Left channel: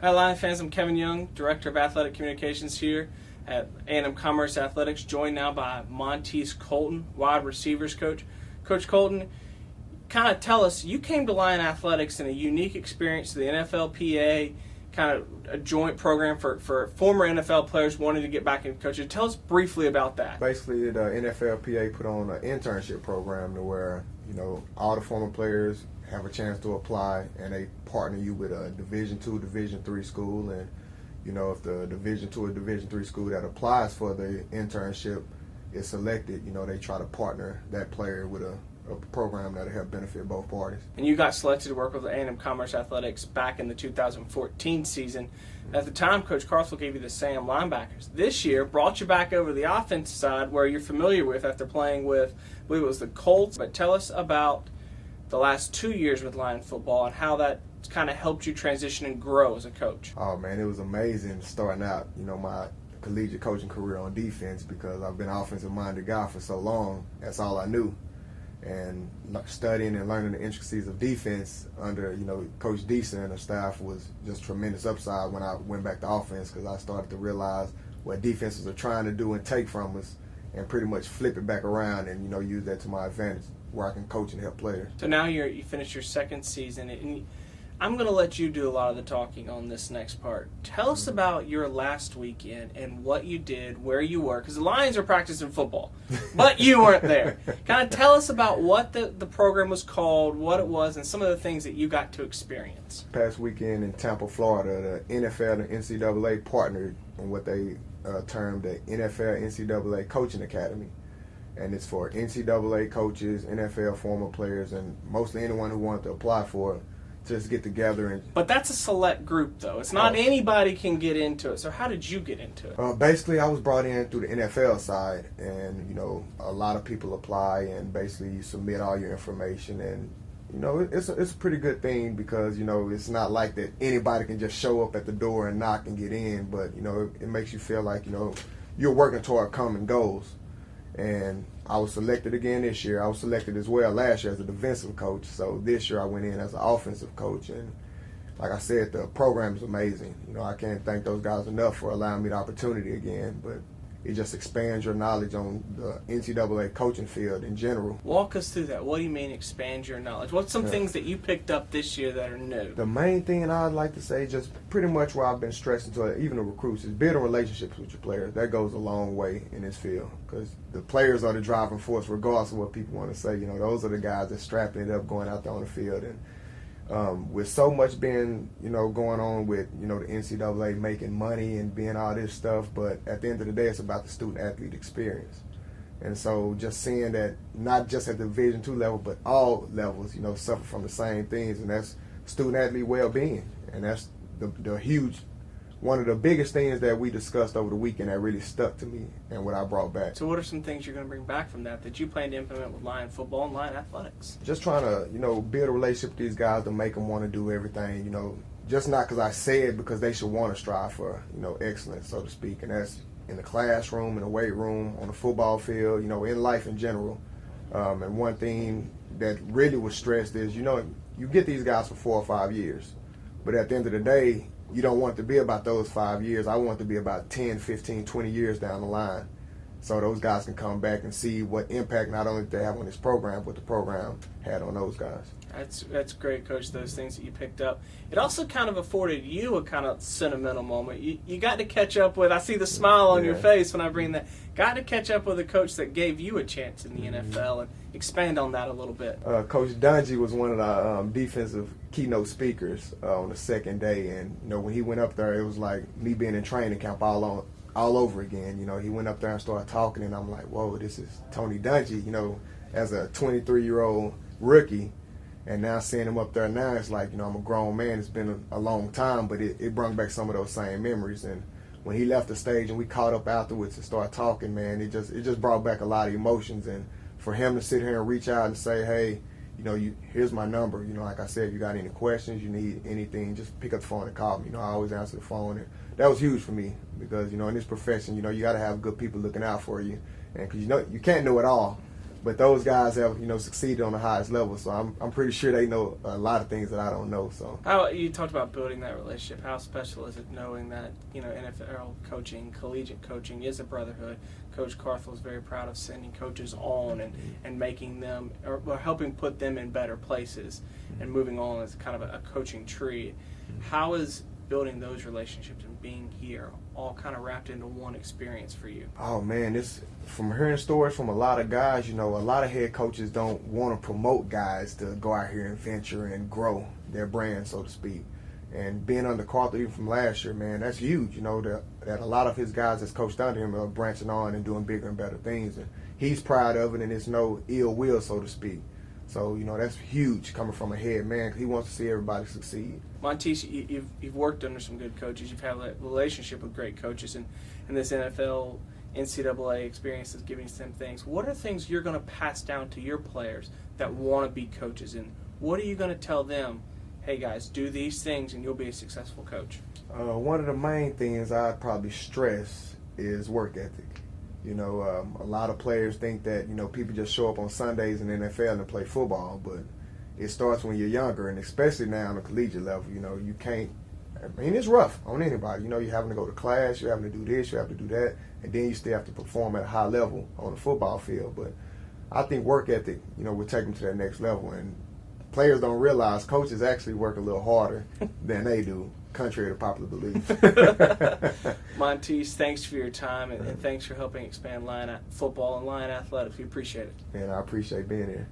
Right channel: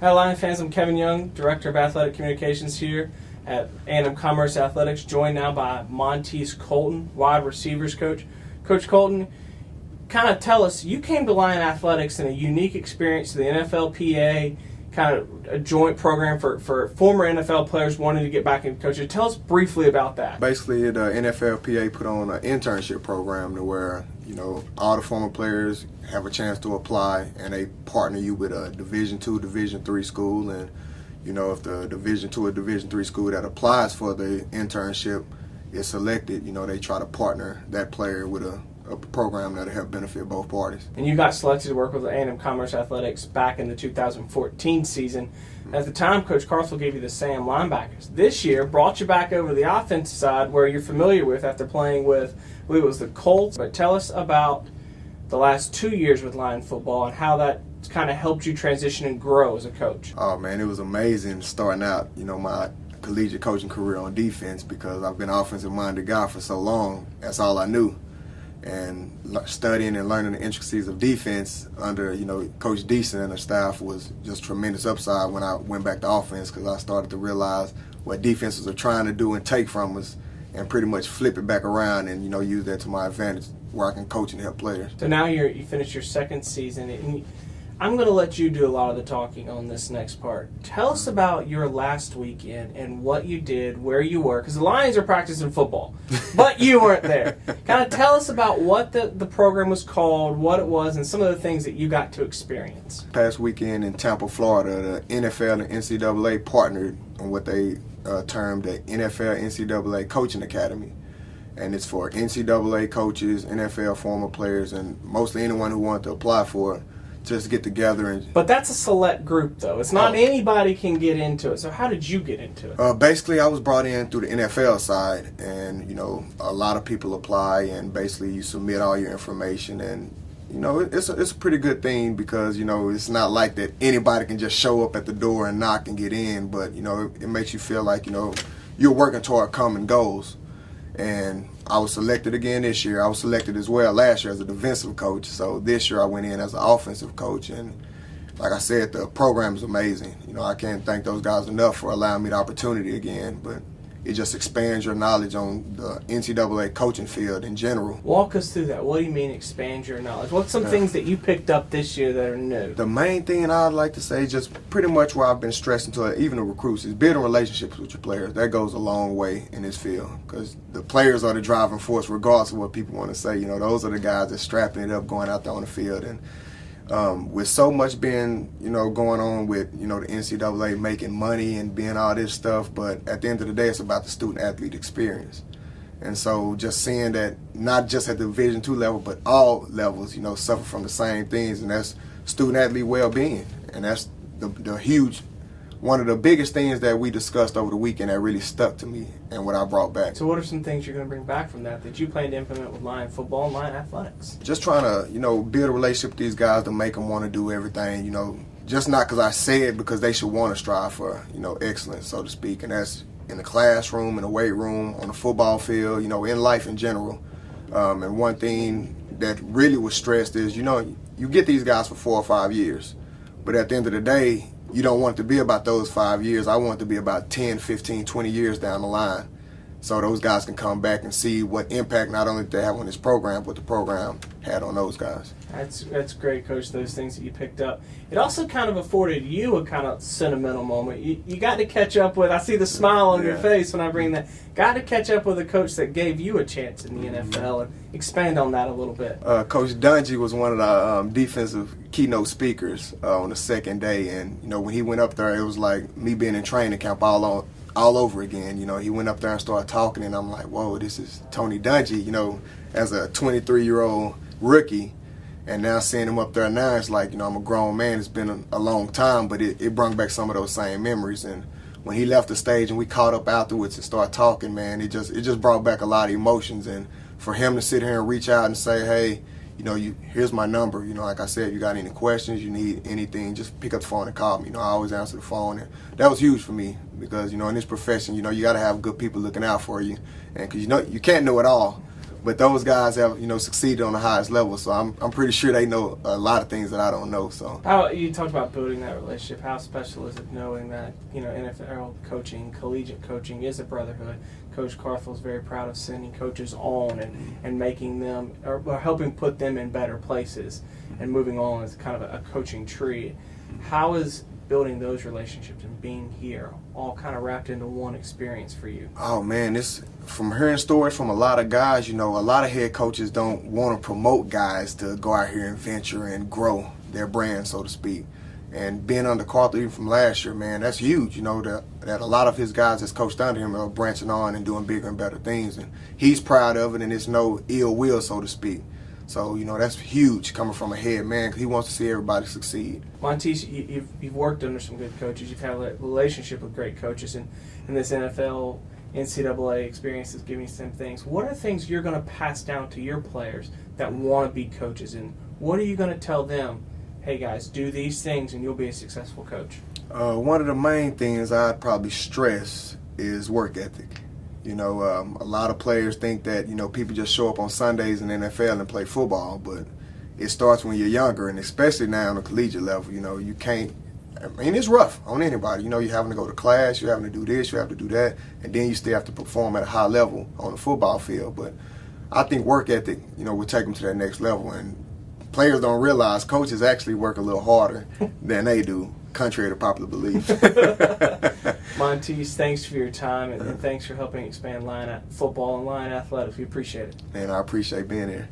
Hi Lion fans, I'm Kevin Young, Director of Athletic Communications here at A&M Commerce Athletics, joined now by Montiese Culton, wide receivers coach. Coach Culton, kind of tell us, you came to Lion Athletics in a unique experience to the NFLPA, kind of a joint program for former NFL players wanting to get back into coaching. Tell us briefly about that. Basically, the NFLPA put on an internship program to where, all the former players have a chance to apply, and they partner you with a Division II, Division III school, and if the Division II or Division III school that applies for the internship is selected, they try to partner that player with a program that'll help benefit both parties. And you got selected to work with A&M Commerce Athletics back in the 2014 season. At the time, Coach Carthel gave you the Sam linebackers. This year, brought you back over the offensive side where you're familiar with after playing with, I believe it was the Colts. But tell us about the last 2 years with Lion football and how that kind of helped you transition and grow as a coach. Oh, man, it was amazing starting out, my collegiate coaching career on defense, because I've been an offensive-minded guy for so long. That's all I knew. And studying and learning the intricacies of defense under, Coach Deason and the staff was just tremendous upside when I went back to offense, because I started to realize what defenses are trying to do and take from us and pretty much flip it back around and, use that to my advantage where I can coach and help players. So now you finished your second season, and I'm going to let you do a lot of the talking on this next part. Tell us about your last weekend and what you did, where you were, because the Lions are practicing football, but you weren't there. Kind of tell us about what the program was called, what it was, and some of the things that you got to experience. Past weekend in Tampa, Florida, the NFL and NCAA partnered on what they termed the NFL NCAA Coaching Academy. And it's for NCAA coaches, NFL former players, and mostly anyone who wanted to apply for it. Just get together and. But that's a select group, though. It's not anybody can get into it. So how did you get into it? Basically, I was brought in through the NFL side, and a lot of people apply, and basically you submit all your information, and it's a pretty good thing, because it's not like that anybody can just show up at the door and knock and get in, but it makes you feel like you're working toward common goals. And I was selected again this year. I was selected as well last year as a defensive coach. So this year I went in as an offensive coach. And like I said, the program is amazing. I can't thank those guys enough for allowing me the opportunity again. But it just expands your knowledge on the NCAA coaching field in general. Walk us through that. What do you mean expand your knowledge? What's some things that you picked up this year that are new? The main thing I'd like to say is just pretty much where I've been stressing to even the recruits is building relationships with your players. That goes a long way in this field, because the players are the driving force regardless of what people want to say. Those are the guys that's strapping it up going out there on the field. And with so much being, going on with, the NCAA making money and being all this stuff, but at the end of the day, it's about the student-athlete experience. And so just seeing that not just at the Division II level, but all levels, suffer from the same things, and that's student-athlete well-being. And that's the huge, one of the biggest things that we discussed over the weekend that really stuck to me and what I brought back. So what are some things you're going to bring back from that you plan to implement with Lion football and Lion athletics? Just trying to, build a relationship with these guys to make them want to do everything, just not because I say it, because they should want to strive for, excellence, so to speak. And that's in the classroom, in the weight room, on the football field, in life in general. And one thing that really was stressed is, you get these guys for 4 or 5 years, but at the end of the day, you don't want it to be about those 5 years. I want it to be about 10, 15, 20 years down the line, so those guys can come back and see what impact not only they have on this program, but the program had on those guys. That's great, Coach, those things that you picked up. It also kind of afforded you a kind of sentimental moment. You got to catch up with, I see the smile on your face when I bring that, got to catch up with a coach that gave you a chance in the NFL, and expand on that a little bit. Coach Dungy was one of the defensive keynote speakers on the second day, and when he went up there, it was like me being in training camp all over again. He went up there and started talking, and I'm like, whoa, this is Tony Dungy, as a 23-year-old rookie. And now seeing him up there now, it's like, I'm a grown man. It's been a long time, but it brought back some of those same memories. And when he left the stage and we caught up afterwards and started talking, man, it just brought back a lot of emotions. And for him to sit here and reach out and say, hey, here's my number. Like I said, if you got any questions, you need anything, just pick up the phone and call me. I always answer the phone. And that was huge for me, because, in this profession, you got to have good people looking out for you. And because, you can't know it all. But those guys have, succeeded on the highest level. So I'm pretty sure they know a lot of things that I don't know. So how you talked about building that relationship. How special is it knowing that NFL coaching, collegiate coaching is a brotherhood? Coach Carthel is very proud of sending coaches on and making them or helping put them in better places and moving on as kind of a coaching tree. How is building those relationships and being here all kind of wrapped into one experience for you? Oh man, it's from hearing stories from a lot of guys. A lot of head coaches don't want to promote guys to go out here and venture and grow their brand, so to speak. And being under Carthel even from last year, man, that's huge. That a lot of his guys that's coached under him are branching on and doing bigger and better things, and he's proud of it. And it's no ill will, so to speak. So, that's huge coming from a head man because he wants to see everybody succeed. Montiese, you've worked under some good coaches. You've had a relationship with great coaches, and this NFL, NCAA experience is giving you some things. What are things you're going to pass down to your players that want to be coaches, and what are you going to tell them? Hey guys, do these things and you'll be a successful coach. One of the main things I'd probably stress is work ethic. A lot of players think that, people just show up on Sundays in the NFL and play football, but it starts when you're younger, and especially now on the collegiate level. You can't, it's rough on anybody. You're having to go to class, you're having to do this, you have to do that, and then you still have to perform at a high level on the football field. But I think work ethic, will take them to that next level, and players don't realize coaches actually work a little harder than they do, contrary to popular belief. Montiese, thanks for your time and thanks for helping expand football and line athletics. We appreciate it. Man, I appreciate being here.